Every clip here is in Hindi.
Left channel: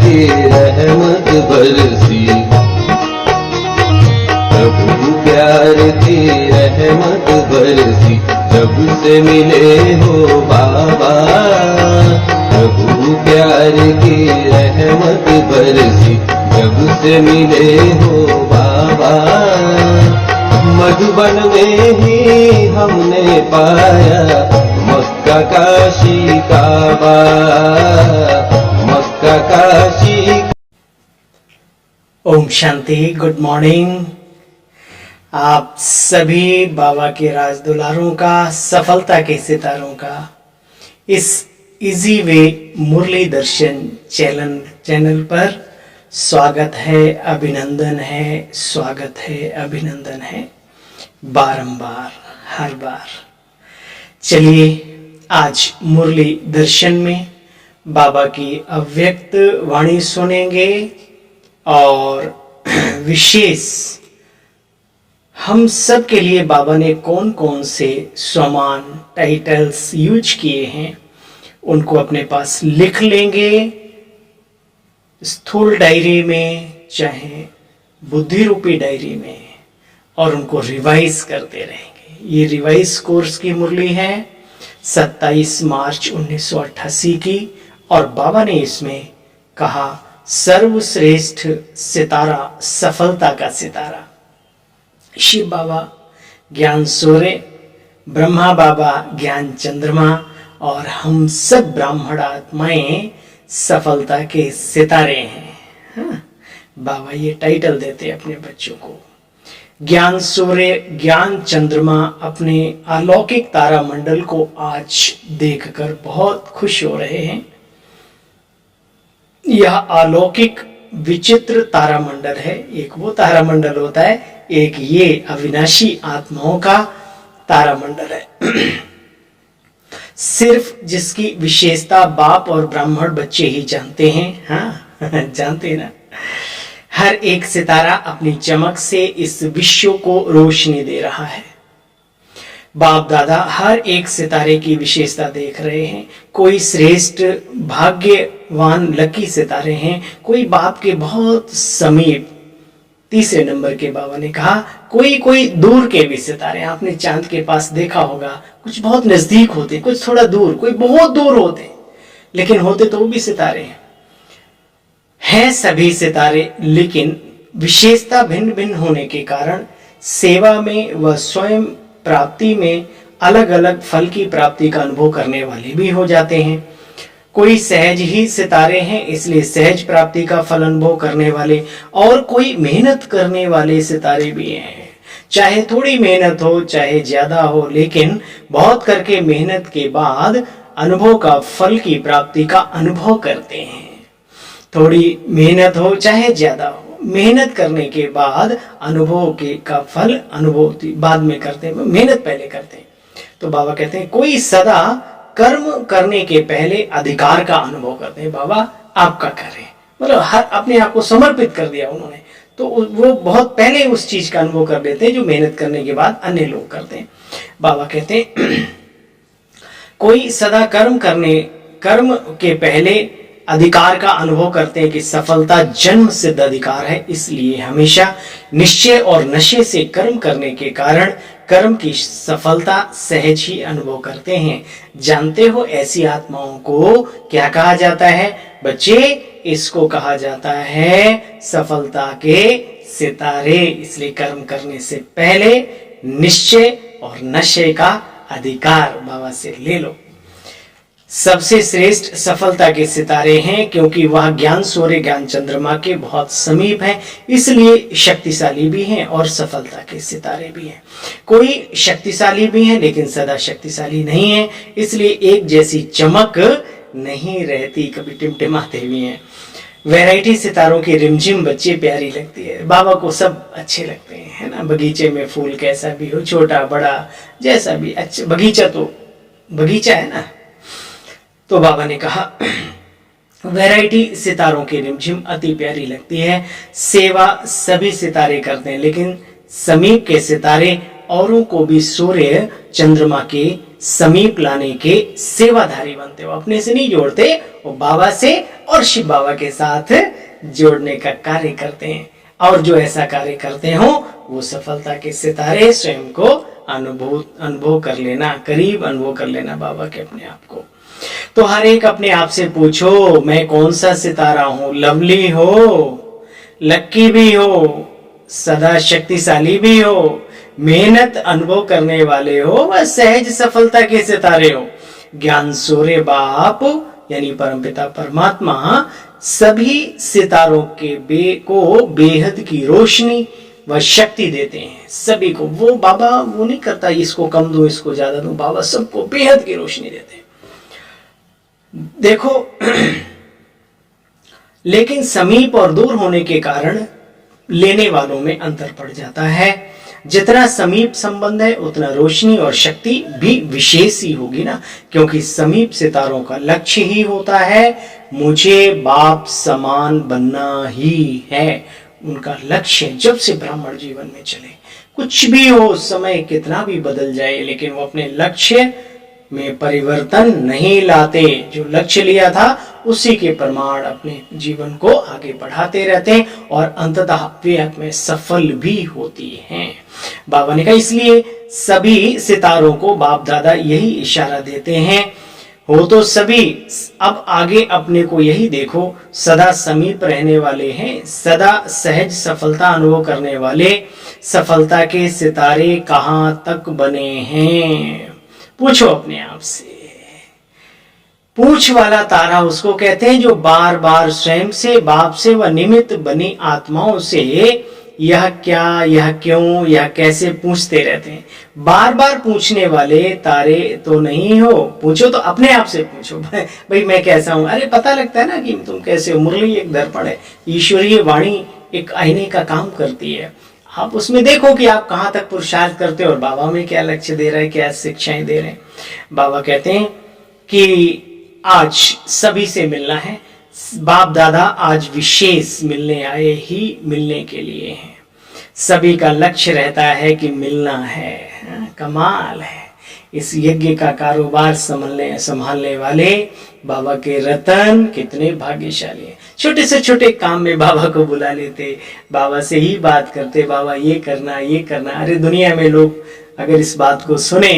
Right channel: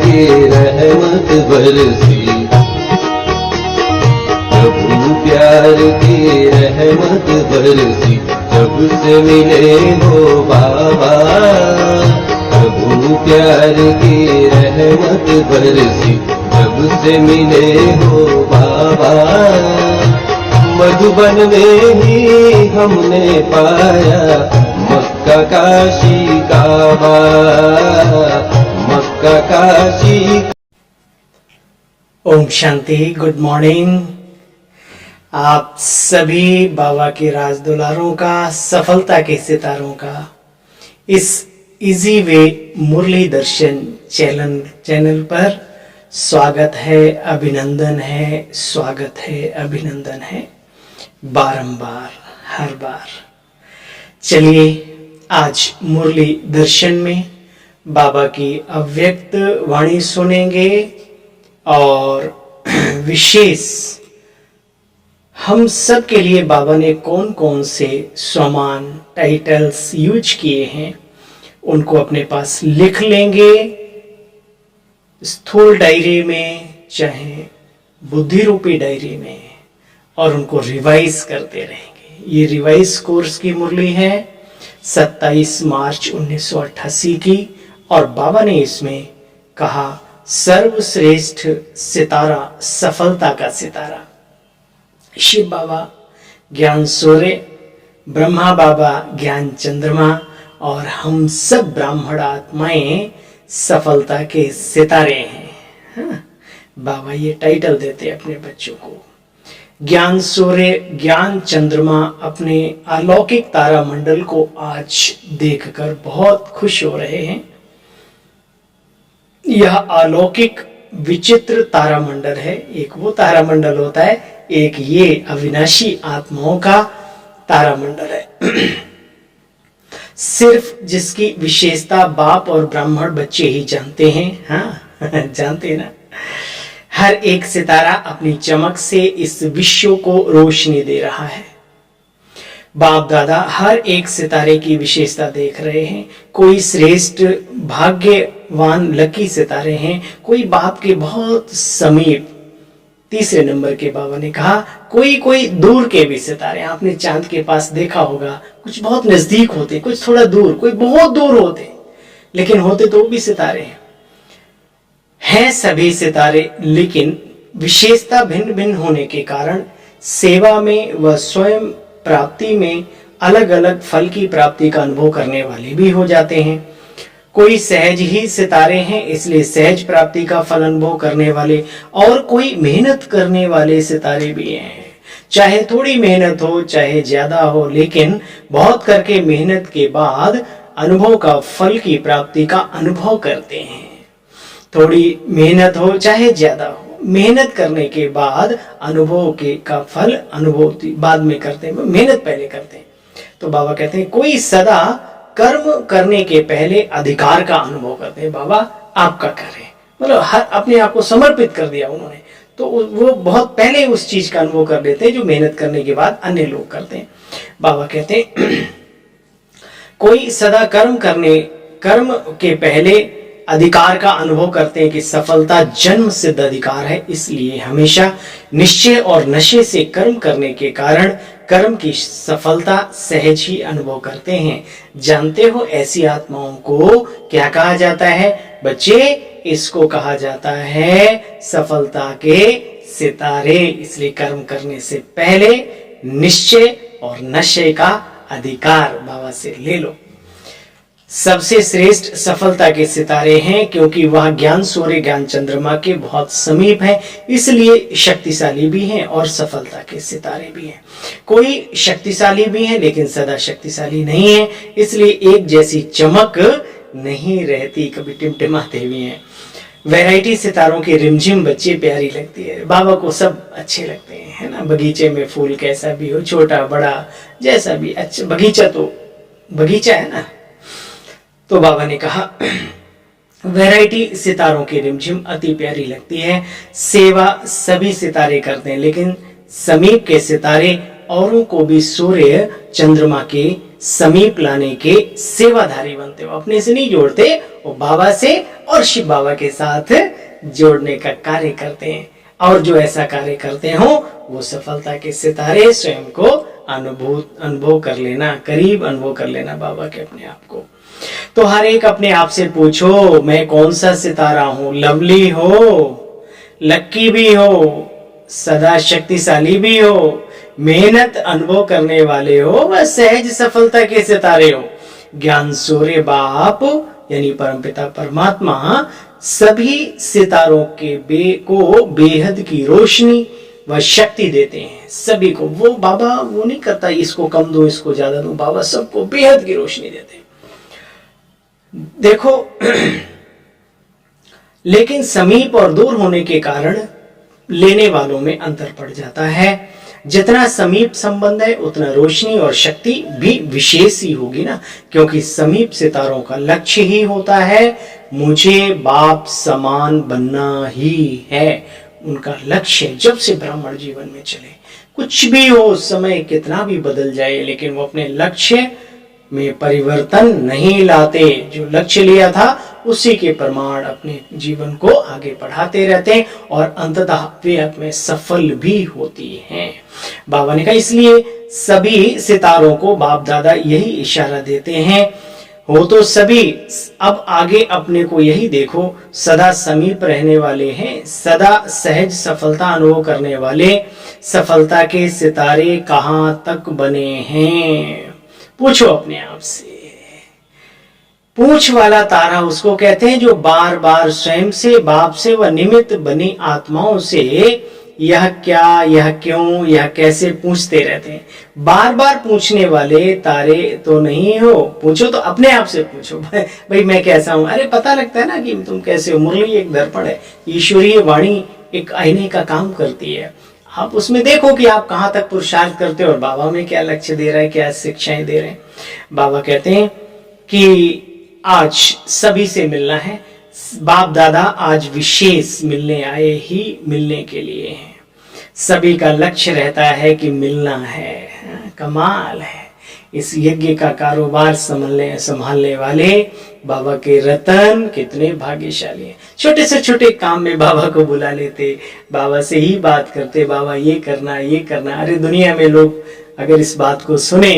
की रहमत बरसी, प्रभु प्यार की रहमत बरसी, जब से मिले हो बाबा। प्रभु प्यार की रहमत बरसी, जब से मिले हो बाबा। मधुबन में ही हमने पाया मक्का काशी काबा, मक्का काशी। ओम शांति। Good morning. आप सभी बाबा के राज दुलारों का, सफलता के सितारों का इस इजी वे मुरली दर्शन चैनल पर स्वागत है, अभिनंदन है, स्वागत है, अभिनंदन है, बारंबार, हर बार। चलिए आज मुरली दर्शन में बाबा की अव्यक्त वाणी सुनेंगे और विशेष हम सब के लिए बाबा ने कौन कौन से स्वमान टाइटल्स यूज किए हैं उनको अपने पास लिख लेंगे, स्थूल डायरी में चाहे बुद्धि रूपी डायरी में, और उनको रिवाइज करते रहेंगे। ये रिवाइज कोर्स की मुरली है 27 मार्च 1988 की, और बाबा ने इसमें कहा सर्वश्रेष्ठ सितारा, सफलता का सितारा। शिव बाबा ज्ञान सूर्य, ब्रह्मा बाबा ज्ञान चंद्रमा, और हम सब ब्राह्मण आत्माएं सफलता के सितारे हैं। हाँ? बाबा ये टाइटल देते अपने बच्चों को। ज्ञान सूर्य, ज्ञान चंद्रमा अपने अलौकिक तारा मंडल को आज देखकर बहुत खुश हो रहे हैं। यह अलौकिक विचित्र तारामंडल है। एक वो तारामंडल होता है, एक ये अविनाशी आत्माओं का तारामंडल है। सिर्फ जिसकी विशेषता बाप और ब्राह्मण बच्चे ही जानते हैं। हाँ जानते हैं ना। हर एक सितारा अपनी चमक से इस विश्व को रोशनी दे रहा है। बाप दादा हर एक सितारे की विशेषता देख रहे हैं। कोई श्रेष्ठ भाग्यवान लकी सितारे हैं, कोई बाप के बहुत समीप तीसरे नंबर के बाबा ने कहा, कोई दूर के भी सितारे। आपने चांद के पास देखा होगा, कुछ बहुत नजदीक होते, कुछ थोड़ा दूर, कोई बहुत दूर होते, लेकिन होते तो वो भी सितारे हैं सभी सितारे। लेकिन विशेषता भिन्न भिन्न होने के कारण सेवा में व स्वयं प्राप्ति में अलग अलग फल की प्राप्ति का अनुभव करने वाले भी हो जाते हैं। कोई सहज ही सितारे हैं, इसलिए सहज प्राप्ति का फल अनुभव करने वाले, और कोई मेहनत करने वाले सितारे भी हैं। चाहे थोड़ी मेहनत हो चाहे ज्यादा हो, लेकिन बहुत करके मेहनत के बाद अनुभव का फल की प्राप्ति का अनुभव करते हैं। थोड़ी मेहनत हो चाहे ज्यादा हो, मेहनत करने के बाद अनुभव के का फल अनुभव बाद में करते हैं, मेहनत पहले करते हैं। तो बाबा कहते हैं कोई सदा कर्म करने के पहले अधिकार का अनुभव करते हैं। बाबा आपका करें, मतलब हर अपने आप को समर्पित कर दिया उन्होंने, तो वो बहुत पहले उस चीज का अनुभव कर लेते हैं जो मेहनत करने के बाद अन्य लोग करते हैं। बाबा कहते हैं कोई सदा कर्म के पहले अधिकार का अनुभव करते हैं कि सफलता जन्म सिद्ध अधिकार है, इसलिए हमेशा निश्चय और नशे से कर्म करने के कारण कर्म की सफलता सहज ही अनुभव करते हैं। जानते हो ऐसी आत्माओं को क्या कहा जाता है बच्चे? इसको कहा जाता है सफलता के सितारे। इसलिए कर्म करने से पहले निश्चय और नशे का अधिकार बाबा से ले लो। सबसे श्रेष्ठ सफलता के सितारे हैं, क्योंकि वह ज्ञान सूर्य ज्ञान चंद्रमा के बहुत समीप है, इसलिए शक्तिशाली भी हैं और सफलता के सितारे भी हैं। कोई शक्तिशाली भी हैं लेकिन सदा शक्तिशाली नहीं है, इसलिए एक जैसी चमक नहीं रहती, कभी टिमटिमाते भी हैं। वैरायटी सितारों की रिमझिम बच्चे प्यारी लगती है। बाबा को सब अच्छे लगते हैं, है ना। बगीचे में फूल कैसा भी हो, छोटा बड़ा जैसा भी, अच्छा बगीचा तो बगीचा है ना। तो बाबा ने कहा वैरायटी सितारों की रिमझिम अति प्यारी लगती है। सेवा सभी सितारे करते हैं, लेकिन समीप के सितारे औरों को भी सूर्य चंद्रमा के समीप लाने के सेवाधारी बनते हो। अपने से नहीं जोड़ते, वो बाबा से और शिव बाबा के साथ जोड़ने का कार्य करते हैं। और जो ऐसा कार्य करते हो वो सफलता के सितारे स्वयं को अनुभव कर लेना, करीब अनुभव कर लेना बाबा के अपने आप को। तो हर एक अपने आप से पूछो, मैं कौन सा सितारा हूं? लवली हो, लक्की भी हो, सदा शक्तिशाली भी हो, मेहनत अनुभव करने वाले हो, व सहज सफलता के सितारे हो। ज्ञान सूर्य बाप यानी परमपिता परमात्मा सभी सितारों के को बेहद की रोशनी व शक्ति देते हैं। सभी को वो बाबा वो नहीं करता इसको कम दो इसको ज्यादा दो, बाबा सबको बेहद की रोशनी देते हैं। देखो लेकिन समीप और दूर होने के कारण लेने वालों में अंतर पड़ जाता है। जितना समीप संबंध है उतना रोशनी और शक्ति भी विशेष ही होगी ना, क्योंकि समीप सितारों का लक्ष्य ही होता है मुझे बाप समान बनना ही है। उनका लक्ष्य जब से ब्राह्मण जीवन में चले, कुछ भी हो, समय कितना भी बदल जाए, लेकिन वो अपने लक्ष्य में परिवर्तन नहीं लाते। जो लक्ष्य लिया था उसी के प्रमाण अपने जीवन को आगे बढ़ाते रहते हैं और अंततः वे में सफल भी होती हैं। बाबा ने कहा इसलिए सभी सितारों को बाप दादा यही इशारा देते हैं, हो तो सभी अब आगे अपने को यही देखो, सदा समीप रहने वाले हैं, सदा सहज सफलता अनुभव करने वाले सफलता के सितारे कहाँ तक बने हैं? पूछो अपने आप से। पूछ वाला तारा उसको कहते हैं जो बार बार स्वयं से, बाप से व निमित्त बनी आत्माओं से यह क्या, यह क्यों, यह कैसे पूछते रहते हैं। बार बार पूछने वाले तारे तो नहीं हो। पूछो तो अपने आप से पूछो, भाई मैं कैसा हूं? अरे पता लगता है ना कि तुम कैसे हो। मुरली एक दर्पण है, ईश्वरीय वाणी एक आईने का काम करती है। आप उसमें देखो कि आप कहाँ तक पुरुषार्थ करते हो और बाबा में क्या लक्ष्य दे रहा है, क्या शिक्षाएं दे रहे हैं। बाबा कहते हैं कि आज सभी से मिलना है। बाप दादा आज विशेष मिलने आए ही मिलने के लिए हैं। सभी का लक्ष्य रहता है कि मिलना है। कमाल है। इस यज्ञ का कारोबार संभालने वाले बाबा के रतन कितने भाग्यशाली हैं। छोटे से छोटे काम में बाबा को बुला लेते, बाबा से ही बात करते, बाबा ये करना ये करना। अरे दुनिया में लोग अगर इस बात को सुने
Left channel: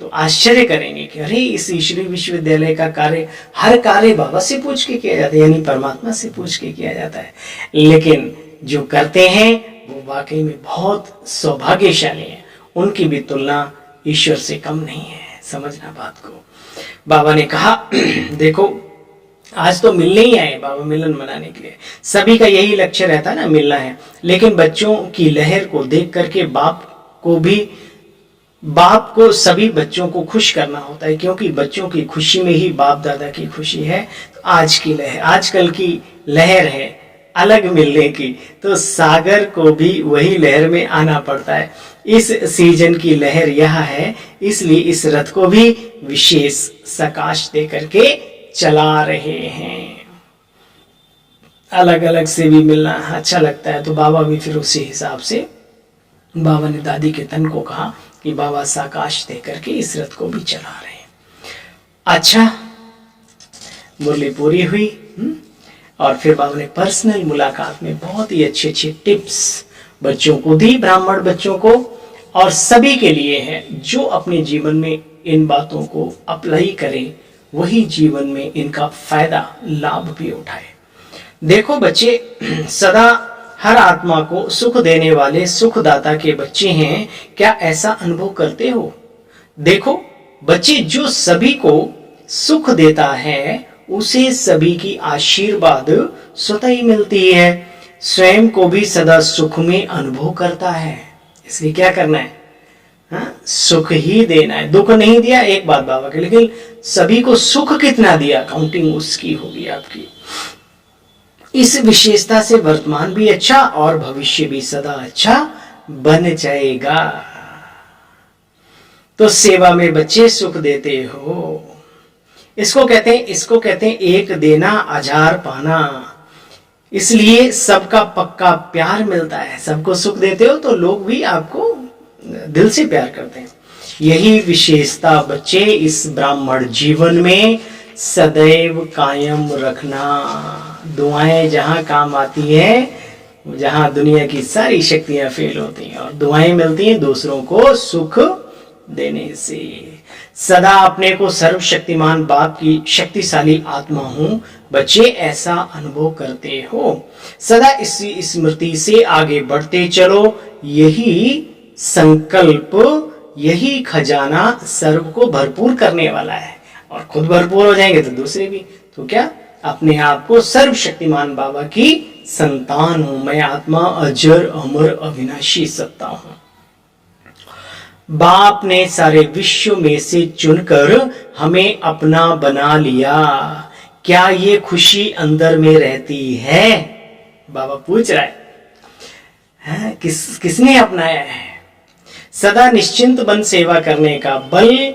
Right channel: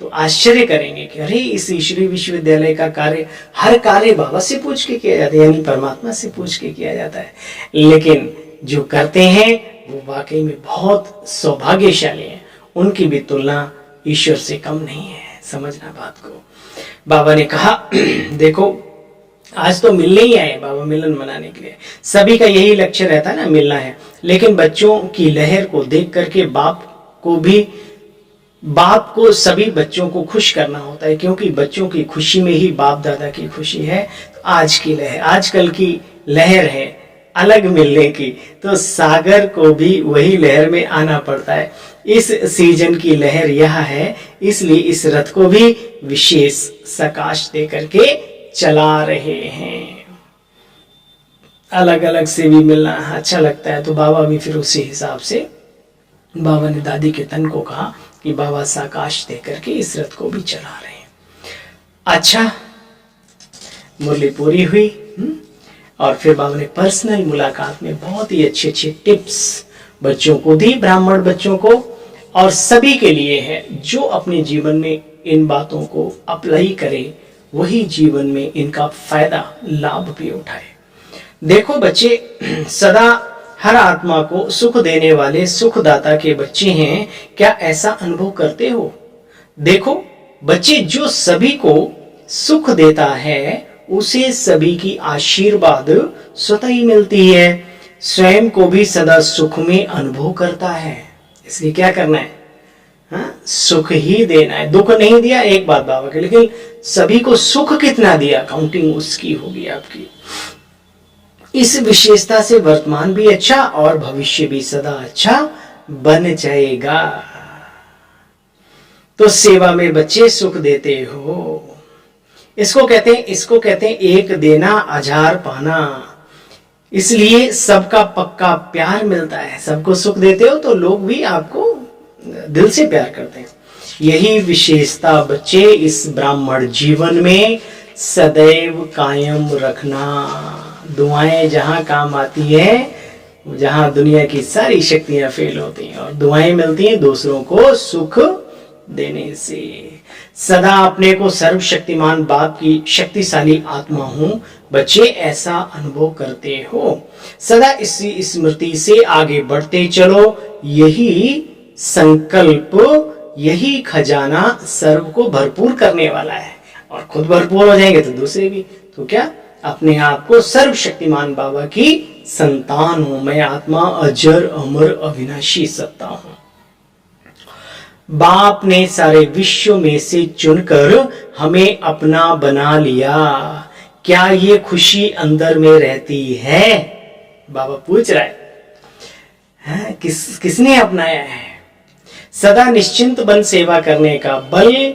तो आश्चर्य करेंगे कि अरे इस ईश्वरीय विश्वविद्यालय का कार्य, हर कार्य बाबा से पूछ के किया जाता है, यानी परमात्मा से पूछ के किया जाता है। लेकिन जो करते हैं वो वाकई में बहुत सौभाग्यशाली हैं। उनकी भी तुलना ईश्वर से कम नहीं है। समझना बात को। बाबा ने कहा देखो आज तो मिलने ही आए, बाबा मिलन मनाने के लिए। सभी का यही लक्ष्य रहता है ना, मिलना है। लेकिन बच्चों की लहर को देख करके बाप को सभी बच्चों को खुश करना होता है, क्योंकि बच्चों की खुशी में ही बाप दादा की खुशी है। तो आज की लहर, आजकल की लहर है अलग मिलने की, तो सागर को भी वही लहर में आना पड़ता है। इस सीजन की लहर यह है, इसलिए इस रथ को भी विशेष सकाश दे करके चला रहे हैं। अलग अलग से भी मिलना अच्छा लगता है, तो बाबा भी फिर उसी हिसाब से, बाबा ने दादी के तन को कहा कि बाबा साकाश दे करके इस रथ को भी चला रहे हैं। अच्छा, मुरली पूरी हुई। और फिर बाबा ने पर्सनल मुलाकात में बहुत ही अच्छे अच्छे टिप्स बच्चों को दी, ब्राह्मण बच्चों को, और सभी के लिए है जो अपने जीवन में इन बातों को अप्लाई करे, वही जीवन में इनका फायदा लाभ भी उठाए। देखो बच्चे, सदा हर आत्मा को सुख देने वाले सुखदाता के बच्चे हैं। क्या ऐसा अनुभव करते हो? देखो बच्चे, जो सभी को सुख देता है उसे सभी की आशीर्वाद स्वतः ही मिलती है। स्वयं को भी सदा सुख में अनुभव करता है। इसलिए क्या करना है? सुख ही देना है। दुख नहीं दिया एक बात बाबा के, लेकिन सभी को सुख कितना दिया, काउंटिंग उसकी होगी आपकी। इस विशेषता से वर्तमान भी अच्छा और भविष्य भी सदा अच्छा बन जाएगा। तो सेवा में बच्चे सुख देते हो। इसको कहते हैं एक देना हजार पाना। इसलिए सबका पक्का प्यार मिलता है। सबको सुख देते हो तो लोग भी आपको दिल से प्यार करते हैं। यही विशेषता बच्चे इस ब्राह्मण जीवन में सदैव कायम रखना। दुआएं जहाँ काम आती है, जहाँ दुनिया की सारी शक्तियां फेल होती हैं, और दुआएं मिलती हैं दूसरों को सुख देने से। सदा अपने को सर्वशक्तिमान बाप की शक्तिशाली आत्मा हूं, बच्चे ऐसा अनुभव करते हो। सदा इसी स्मृति से आगे बढ़ते चलो। यही संकल्प, यही खजाना सर्व को भरपूर करने वाला है, और खुद भरपूर हो जाएंगे तो दूसरे भी। तो क्या, अपने आप को सर्वशक्तिमान बाबा की संतान हूं, मैं आत्मा अजर अमर अविनाशी सत्ता हूं। बाप ने सारे विश्व में से चुनकर हमें अपना बना लिया। क्या ये खुशी अंदर में रहती है? बाबा पूछ रहा है, किसने अपनाया है? सदा निश्चिंत बन सेवा करने का बल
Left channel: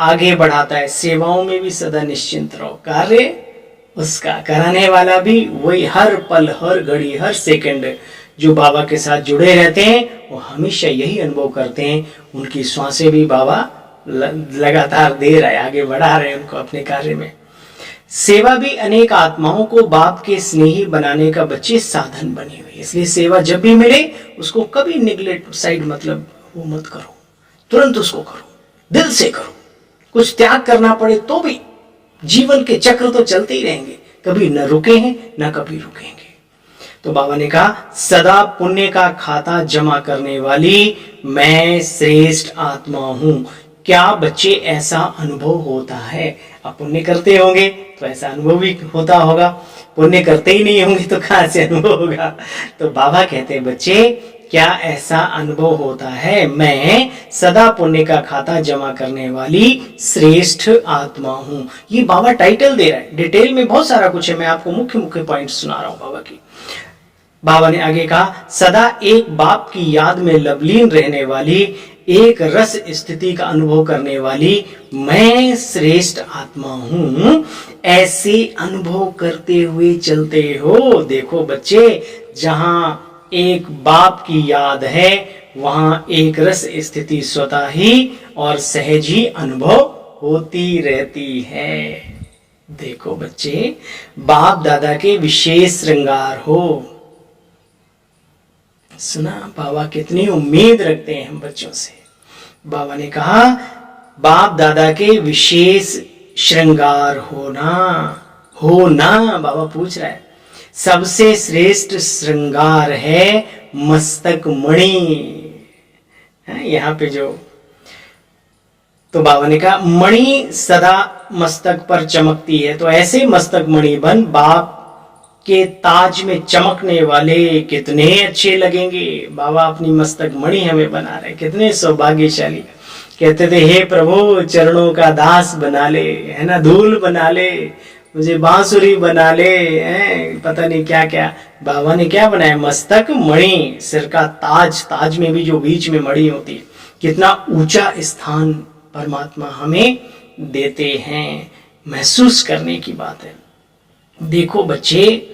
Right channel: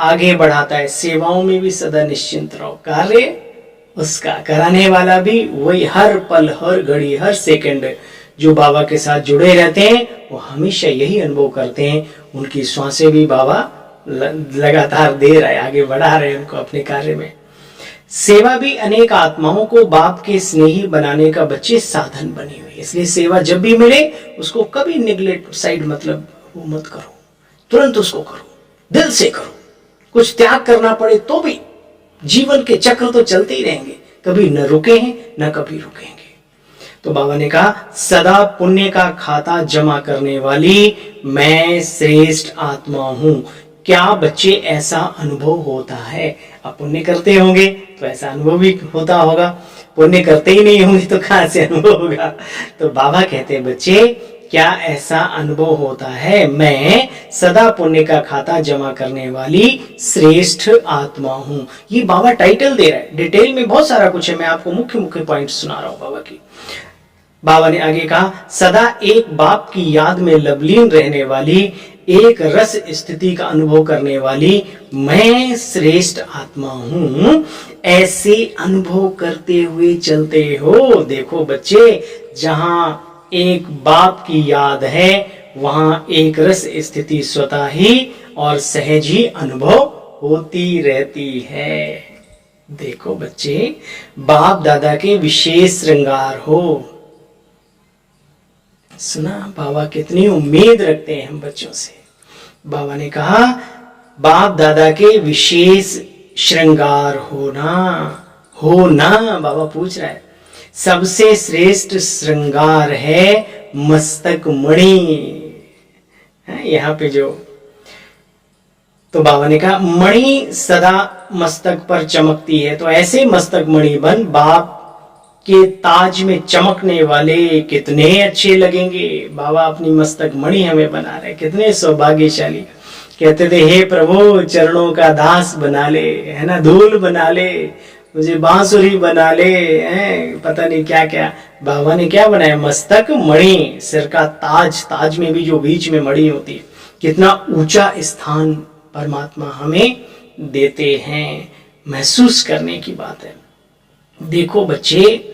आगे बढ़ाता है। सेवाओं में भी सदा निश्चिंत रहो, कार्य उसका कराने वाला भी वही। हर पल, हर घड़ी, हर सेकंड जो बाबा के साथ जुड़े रहते हैं वो हमेशा यही अनुभव करते हैं। उनकी श्वासें भी बाबा लगातार दे रहे, आगे बढ़ा रहे उनको अपने कार्य में। सेवा भी अनेक आत्माओं को बाप के स्नेही बनाने का बच्चे साधन बनी हुई। इसलिए सेवा जब भी मिले उसको कभी निगलेक्ट साइड मतलब वो मत करो, तुरंत उसको करो, दिल से करो। कुछ त्याग करना पड़े तो भी, जीवन के चक्र तो चलते ही रहेंगे, कभी न रुके हैं न कभी रुकेंगे। तो बाबा ने कहा, सदा पुण्य का खाता जमा करने वाली मैं श्रेष्ठ आत्मा हूं। क्या बच्चे ऐसा अनुभव होता है? अब पुण्य करते होंगे तो ऐसा अनुभव भी होता होगा, पुण्य करते ही नहीं होंगे तो कहां से अनुभव होगा? तो बाबा कहते हैं, बच्चे क्या ऐसा अनुभव होता है? मैं सदा पुण्य का खाता जमा करने वाली श्रेष्ठ आत्मा हूं। ये बाबा टाइटल दे रहा है, डिटेल में बहुत सारा कुछ है, मैं आपको मुख्य मुख्य पॉइंट सुना रहा हूं बाबा की। बाबा ने आगे कहा, सदा एक बाप की याद में लवलीन रहने वाली, एक रस स्थिति का अनुभव करने वाली मैं श्रेष्ठ आत्मा हूं। ऐसे अनुभव करते हुए चलते हो। देखो बच्चे, जहां एक बाप की याद है वहां एक रस स्थिति स्वतः ही और सहज ही अनुभव होती रहती है। देखो बच्चे, बाप दादा के विशेष श्रृंगार हो। सुना बाबा कितनी उम्मीद रखते हैं हम बच्चों से। बाबा ने कहा, बाप दादा के विशेष श्रृंगार होना बाबा पूछ रहा है। सबसे श्रेष्ठ श्रृंगार है मस्तक मणि। यहाँ पे जो, तो बाबा ने कहा, मणि सदा मस्तक पर चमकती है, तो ऐसे मस्तक मणि बन बाप के ताज में चमकने वाले कितने अच्छे लगेंगे। बाबा अपनी मस्तक मणि हमें बना रहे, कितने सौभाग्यशाली। कहते थे, हे प्रभु चरणों का दास बना ले, है ना, धूल बना ले, मुझे बांसुरी बना ले, पता नहीं क्या क्या। बाबा ने क्या बनाया? मस्तक मणि, सिर का ताज, ताज में भी जो बीच में मणि होती है। कितना ऊंचा स्थान परमात्मा हमें देते हैं, महसूस करने की बात है। देखो बच्चे,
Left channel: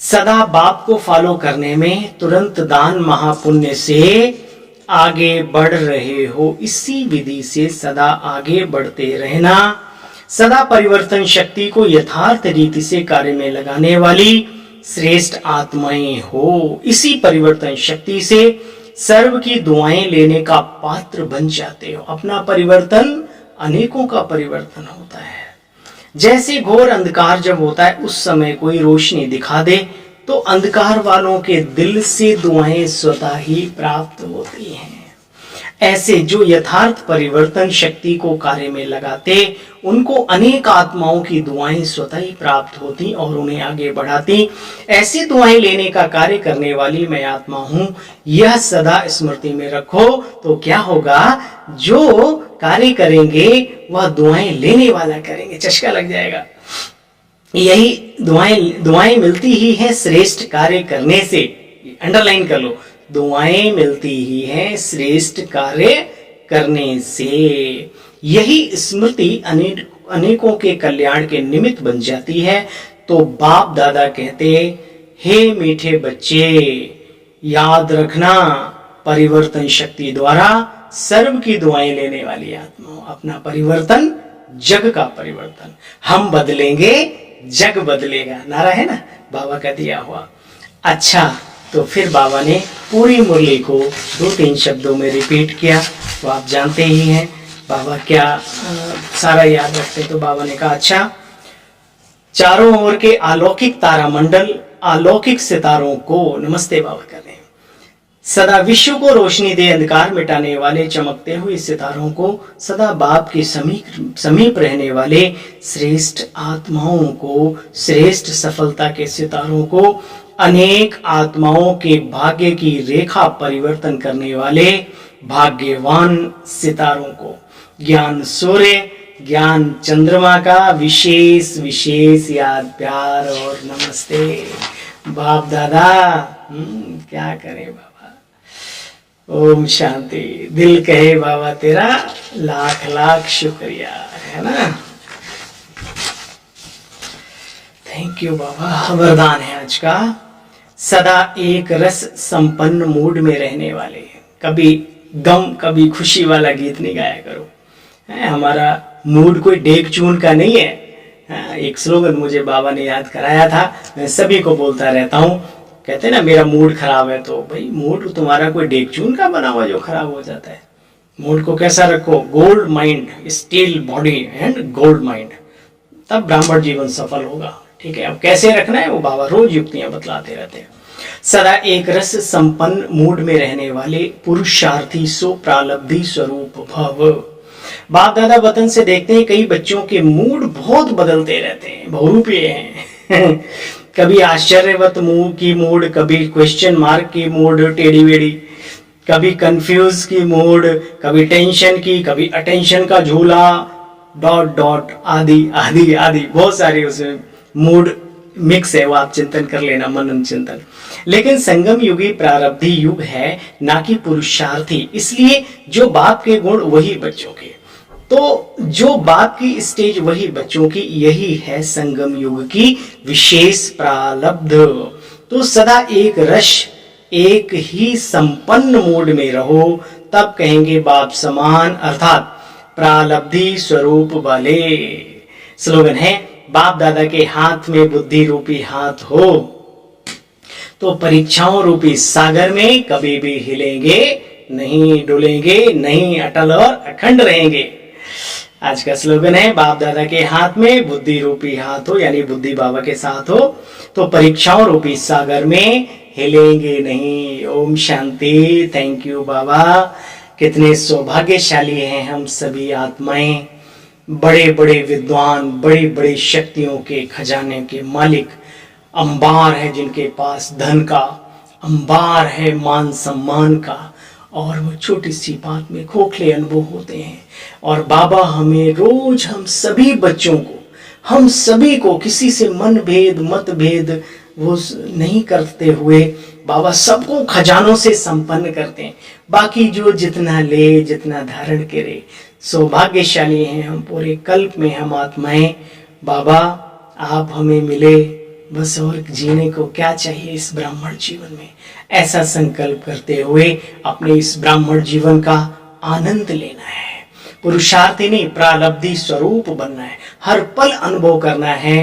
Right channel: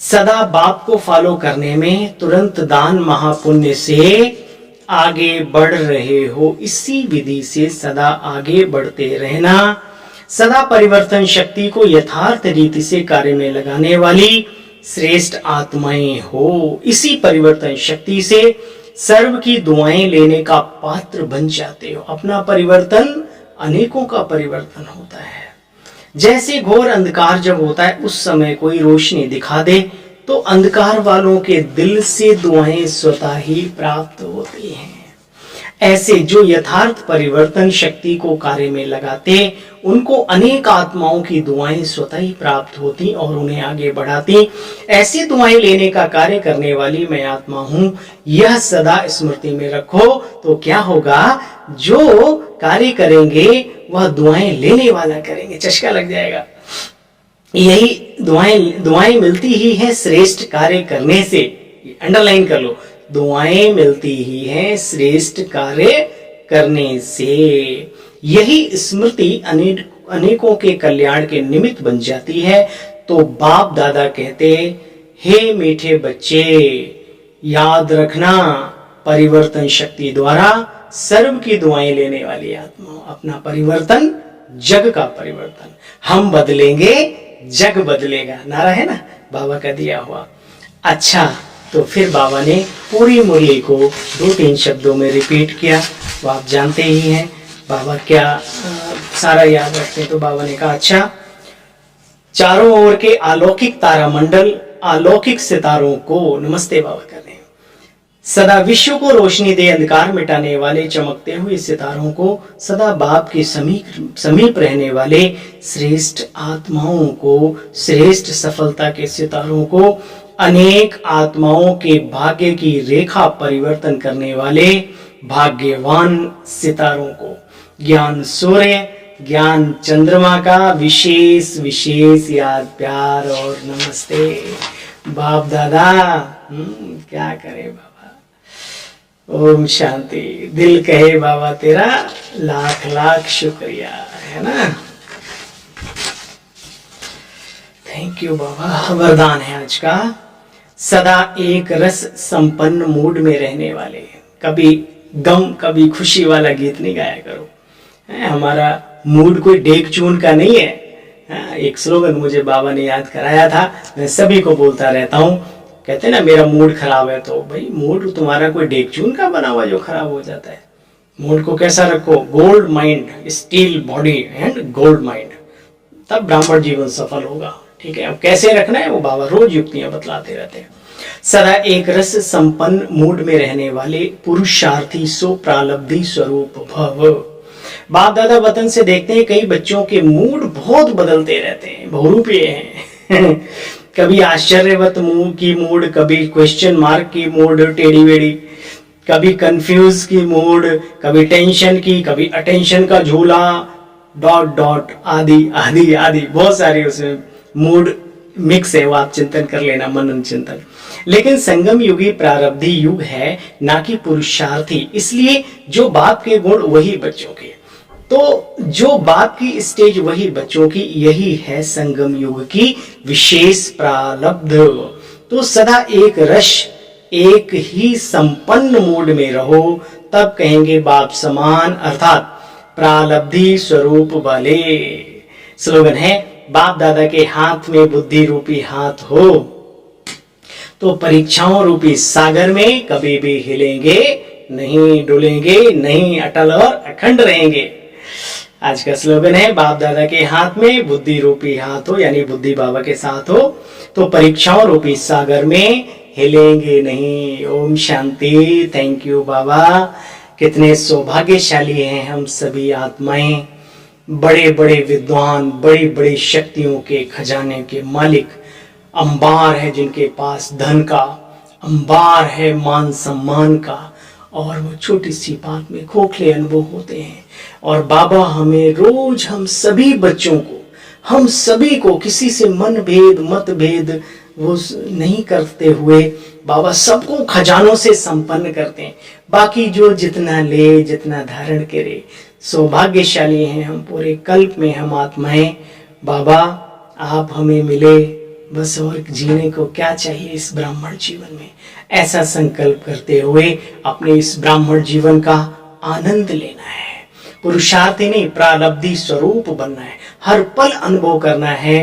सदा बाप को फॉलो करने में तुरंत दान महापुण्य से आगे बढ़ रहे हो। इसी विधि से सदा आगे बढ़ते रहना। सदा परिवर्तन शक्ति को यथार्थ रीति से कार्य में लगाने वाली श्रेष्ठ आत्माएं हो। इसी परिवर्तन शक्ति से सर्व की दुआएं लेने का पात्र बन जाते हो। अपना परिवर्तन अनेकों का परिवर्तन होता है। जैसे घोर अंधकार जब होता है, उस समय कोई रोशनी दिखा दे तो अंधकार वालों के दिल से दुआएं स्वतः ही प्राप्त होती हैं। ऐसे जो यथार्थ परिवर्तन शक्ति को कार्य में लगाते, उनको अनेक आत्माओं की दुआएं स्वतः ही प्राप्त होती और उन्हें आगे बढ़ाती। ऐसी दुआएं लेने का कार्य करने वाली मैं आत्मा हूं, यह सदा स्मृति में रखो। तो क्या होगा? जो कार्य करेंगे वह दुआएं लेने वाला करेंगे, चस्का लग जाएगा। यही दुआएं मिलती ही हैं श्रेष्ठ कार्य करने से। अंडरलाइन कर लो, दुआएं मिलती ही हैं श्रेष्ठ कार्य करने से। यही स्मृति अनेकों के कल्याण के निमित्त बन जाती है। तो बाप दादा कहते, हे मीठे बच्चे, याद रखना, परिवर्तन शक्ति द्वारा सर्व की दुआएं लेने वाली आत्मा, अपना परिवर्तन जग का परिवर्तन। हम बदलेंगे जग बदलेगा, नारा है ना बाबा का दिया हुआ। अच्छा, तो फिर बाबा ने पूरी मुरली को 2-3 शब्दों में रिपीट किया, वो आप जानते ही हैं बाबा क्या सारा याद रखते हैं। तो बाबा ने कहा अच्छा, चारों ओर के अलौकिक तारामंडल, अलौकिक सितारों को नमस्ते बाबा करें। सदा विश्व को रोशनी दे अंधकार मिटाने वाले चमकते हुए सितारों को, सदा बाप के समीप रहने वाले श्रेष्ठ आत्माओं को, श्रेष्ठ सफलता के सितारों को, अनेक आत्माओं के भाग्य की रेखा परिवर्तन करने वाले भाग्यवान सितारों को, ज्ञान सूर्य, ज्ञान चंद्रमा का विशेष विशेष याद, प्यार और नमस्ते। बाप दादा क्या करें बाबा। ओम शांति। दिल कहे बाबा तेरा लाख लाख शुक्रिया, है ना। थैंक यू बाबा। वरदान है आज का, सदा एक रस संपन्न मूड में रहने वाले। कभी गम कभी खुशी वाला गीत नहीं गाया करो, हमारा मूड कोई डेक चून का नहीं है। एक स्लोगन मुझे बाबा ने याद कराया था, मैं सभी को बोलता रहता हूँ। कहते ना मेरा मूड खराब है, तो भाई मूड तुम्हारा कोई डेक चून का बना हुआ जो खराब हो जाता है। मूड को कैसा रखो, gold mind, steel body and gold mind, तब ब्राह्मण जीवन सफल होगा। ठीक है, अब कैसे रखना है वो बाबा रोज युक्तियां बतलाते रहते हैं। सदा एक रस संपन्न मूड में रहने वाले पुरुषार्थी सो प्रालब्धि स्वरूप भव। बाप दादा वतन से देखते हैं कई बच्चों के मूड बहुत बदलते रहते हैं, बहुरूपीय हैं। कभी आश्चर्यवत की मूड, कभी क्वेश्चन मार्क की मूड टेढ़ी वेढ़ी, कभी कंफ्यूज की मूड, कभी टेंशन की, कभी अटेंशन का झूला, डॉट डॉट आदि आदि आदि, बहुत सारी उसमें मूड मिक्स है। वो आप चिंतन कर लेना, मनन चिंतन। लेकिन संगम युगी प्रारब्धि युग है, ना कि पुरुषार्थी। इसलिए जो बाप के गुण वही बच्चों के, तो जो बाप की स्टेज वही बच्चों की, यही है संगम युग की विशेष प्रारब्ध। तो सदा एक रस, एक ही संपन्न मूड में रहो, तब कहेंगे बाप समान, अर्थात प्रारब्धि स्वरूप वाले। स्लोगन है, बाप दादा के हाथ में बुद्धि रूपी हाथ हो तो परीक्षाओं रूपी सागर में कभी भी हिलेंगे नहीं, डुलेंगे नहीं, अटल और अखंड रहेंगे। आज का स्लोगन है, बाप दादा के हाथ में बुद्धि रूपी हाथ हो, यानी बुद्धि बाबा के साथ हो तो परीक्षाओं रूपी सागर में हिलेंगे नहीं। ओम शांति। थैंक यू बाबा। कितने सौभाग्यशाली हैं हम सभी आत्माएं, बड़े बड़े विद्वान, बड़ी बड़ी शक्तियों के खजाने के मालिक, अंबार है जिनके पास धन का, अंबार है मान सम्मान का, और वो छोटी सी बात में खोखले अनुभव होते हैं। और बाबा हमें रोज, हम सभी बच्चों को, हम सभी को किसी से मन भेद मत भेद वो नहीं करते हुए बाबा सबको खजानों से संपन्न करते हैं। बाकी जो जितना ले, जितना धारण करे, सौभाग्यशाली हैं हम। पूरे कल्प में हम आत्माएं, बाबा आप हमें मिले, बस और जीने को क्या चाहिए इस ब्राह्मण जीवन में। ऐसा संकल्प करते हुए अपने इस ब्राह्मण जीवन का आनंद लेना है। पुरुषार्थी नहीं, प्रारब्धि स्वरूप बनना है। हर पल अनुभव करना है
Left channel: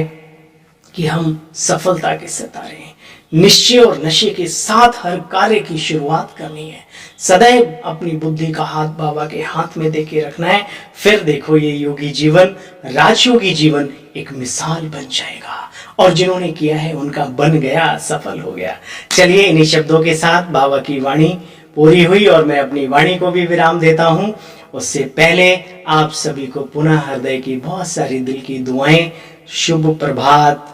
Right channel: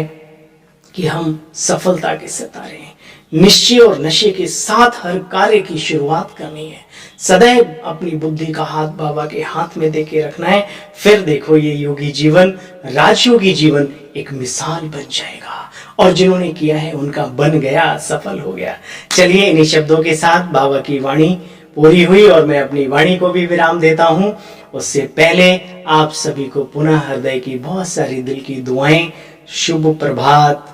कि हम सफलता के सितारे हैं। निश्चय और नशे के साथ हर कार्य की शुरुआत करनी है। सदैव अपनी बुद्धि का हाथ बाबा के हाथ में देके रखना है। फिर देखो ये योगी जीवन, राजयोगी जीवन एक मिसाल बन जाएगा। और जिन्होंने किया है उनका बन गया, सफल हो गया। चलिए इन्हीं शब्दों के साथ बाबा की वाणी पूरी हुई और मैं अपनी वाणी को भी विराम देता हूँ। उससे पहले आप सभी को पुनः हृदय की बहुत सारी दिल की दुआएं। शुभ प्रभात,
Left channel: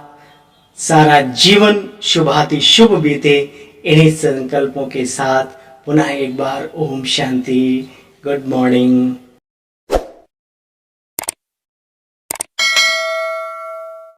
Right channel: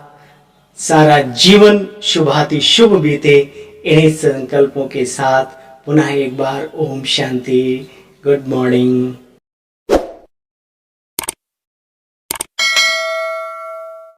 सारा जीवन शुभाति शुभ बीते। इन्हीं संकल्पों के साथ पुनः एक बार ओम शांति, गुड मॉर्निंग।